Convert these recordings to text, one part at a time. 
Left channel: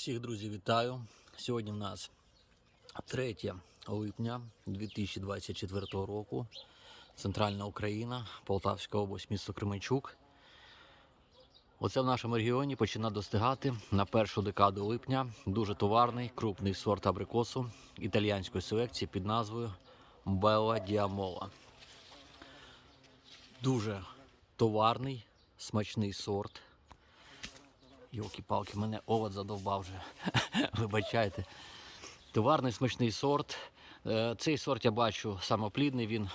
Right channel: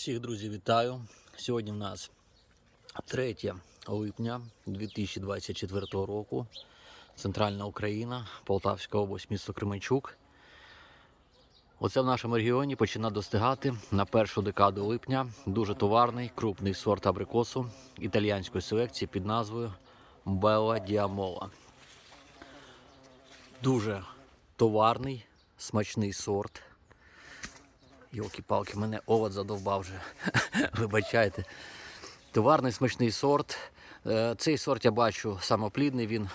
Всіх друзів вітаю. Сьогодні в нас 3 липня 2024 року. Центральна Україна, Полтавська область, місто Кременчук. Оце в нашому регіоні починає достигати на першу декаду липня дуже товарний крупний сорт абрикосу італіянської селекції під назвою Белла Діамола. Дуже товарний, смачний сорт. Йолки-палки, мене овод задовбав вже. Вибачайте. Товарний смачний сорт. Е, Цей сорт я бачу самоплідний, він е,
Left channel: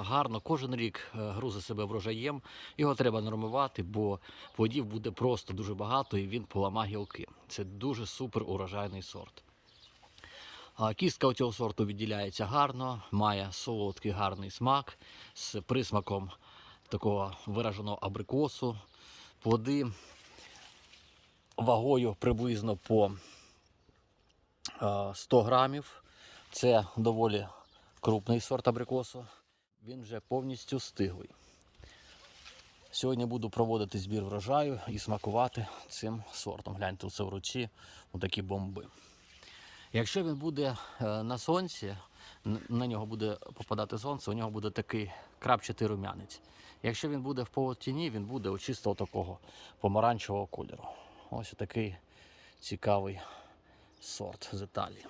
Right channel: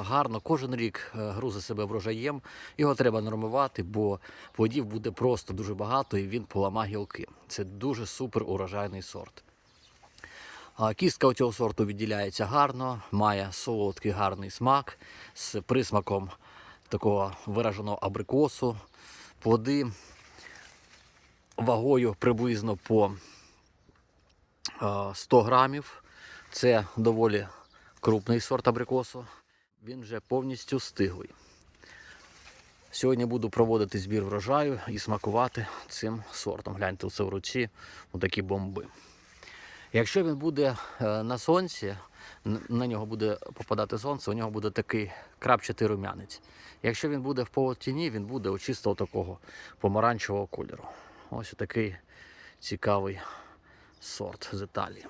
гарно кожен рік е, грузить себе врожаєм. Його треба нормувати, бо плодів буде просто дуже багато і він поламає гілки. Це дуже супер урожайний сорт. Кістка у цього сорту відділяється гарно, має солодкий гарний смак з присмаком такого вираженого абрикосу. Плоди вагою приблизно по е, 100 грамів. Це доволі крупний сорт абрикосу. Він вже повністю стиглий. Сьогодні буду проводити збір врожаю і смакувати цим сортом. Гляньте це в руці, такі бомби. Якщо він буде е, на сонці, на нього буде попадати сонце, у нього буде такий крапчатий рум'янець. Якщо він буде в полутіні, він буде чисто такого помаранчевого кольору. Ось такий цікавий сорт з Італії.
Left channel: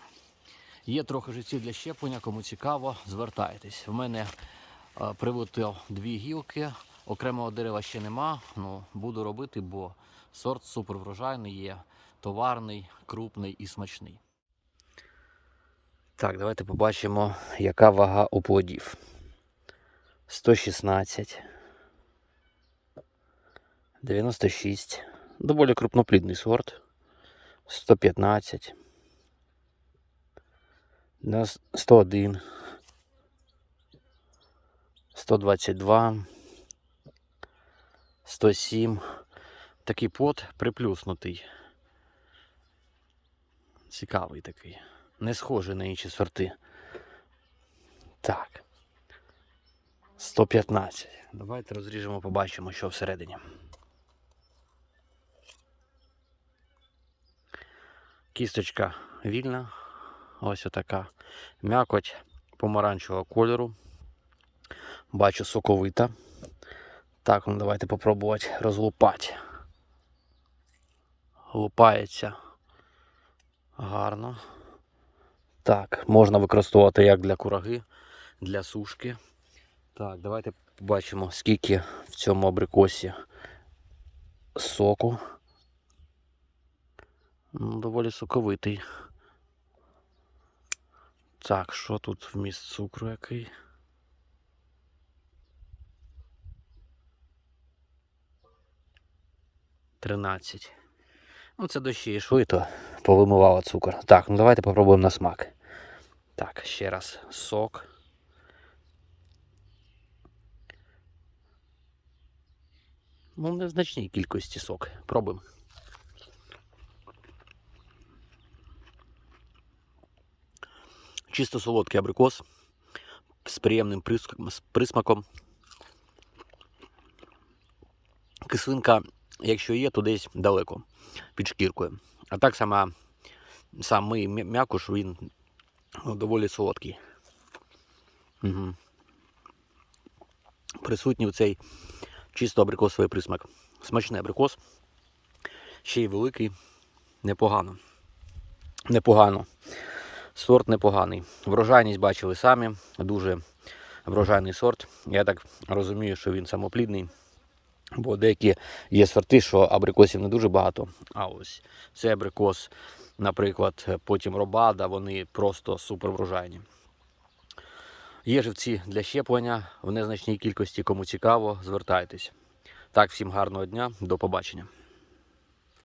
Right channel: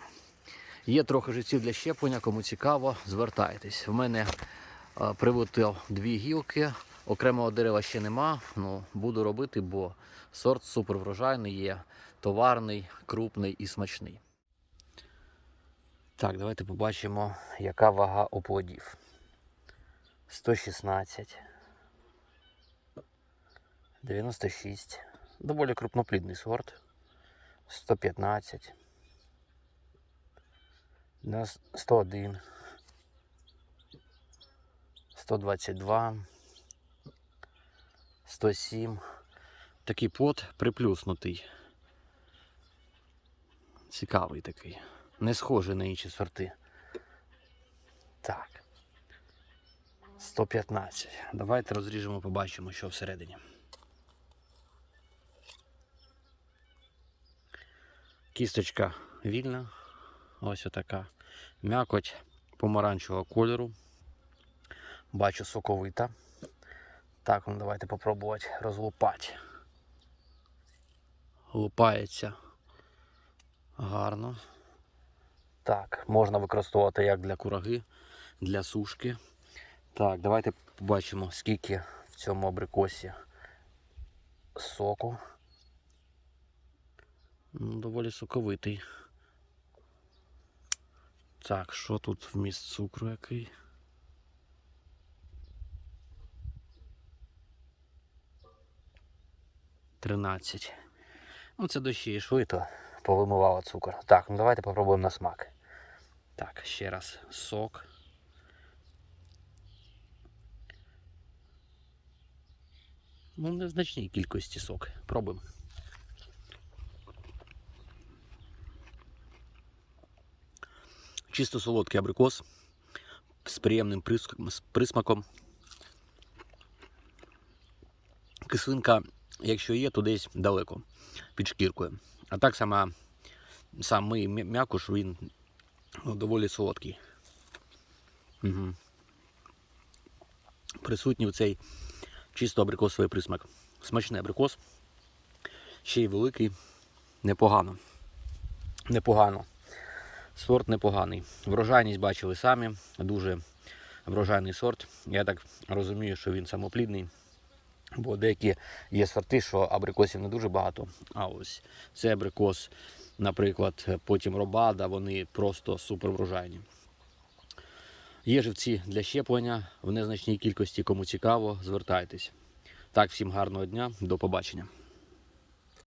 Є трохи життів для щеплення, кому цікаво, звертайтесь. В мене е, дві гілки, окремого дерева ще нема. Ну, буду робити, бо сорт супер врожайний є, товарний, крупний і смачний. Так, давайте побачимо, яка вага у плодів. 116. 96. Доволі крупноплідний сорт. 115. На 101. 122. 107. Такий плод приплюснутий. Цікавий такий. Не схожий на інші сорти. Так. 115. Давайте розріжемо, побачимо, що всередині. Кісточка вільна. Ось отака. М'якоть помаранчевого кольору. Бачу соковита. Так, ну давайте попробувати розлупати. Лупається гарно. Так, можна використовувати як для кураги, для сушки. Так, давайте побачимо, скільки в цьому абрикосі соку. Доволі соковитий. Так, що тут вміст цукру який? Тринадцять. Ну, це дощі йшли, то повимивало цукор. Так, ну давайте попробуємо на смак. Так, ще раз сок. Ну, незначній кількості сок. Пробуємо. Чисто солодкий абрикос з приємним присмаком. Кислинка, якщо є, то десь далеко під шкіркою. А так сама, самий м'я- м'якуш, він ну, доволі солодкий. Угу. Присутній в цей чисто абрикосовий присмак. Смачний абрикос. Ще й великий. Непогано. Непогано. Сорт непоганий. Врожайність бачили самі. Дуже врожайний сорт. Я так розумію, що він самоплідний. Бо деякі є сорти, що абрикосів не дуже багато. А ось цей абрикос, наприклад, потім робада, вони просто супер врожайні. Є живці для щеплення в незначній кількості. Кому цікаво, звертайтесь. Так, всім гарного дня, до побачення.